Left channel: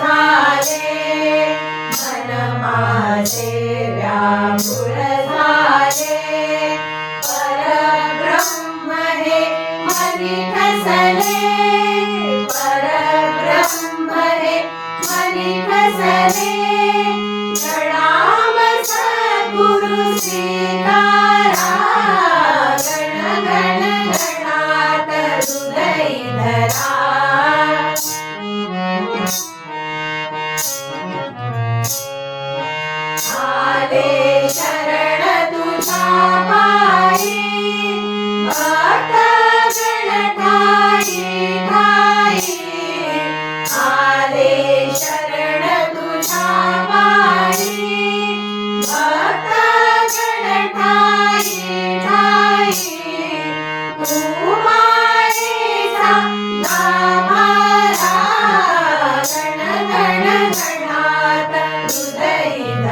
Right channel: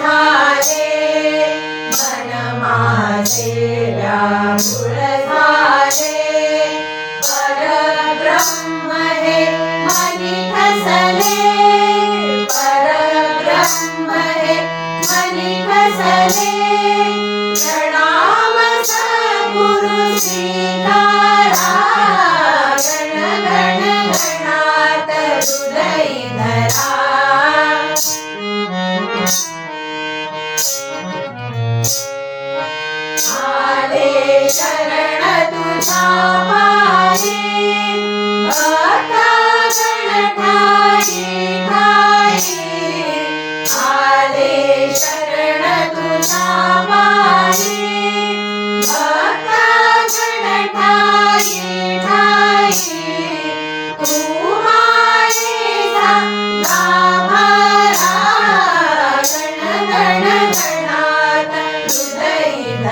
मन Shri Ram Sai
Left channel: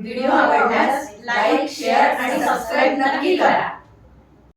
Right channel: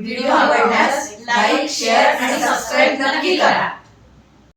video आवडल्यास like share आणि सबस्क्राईब नक्की करा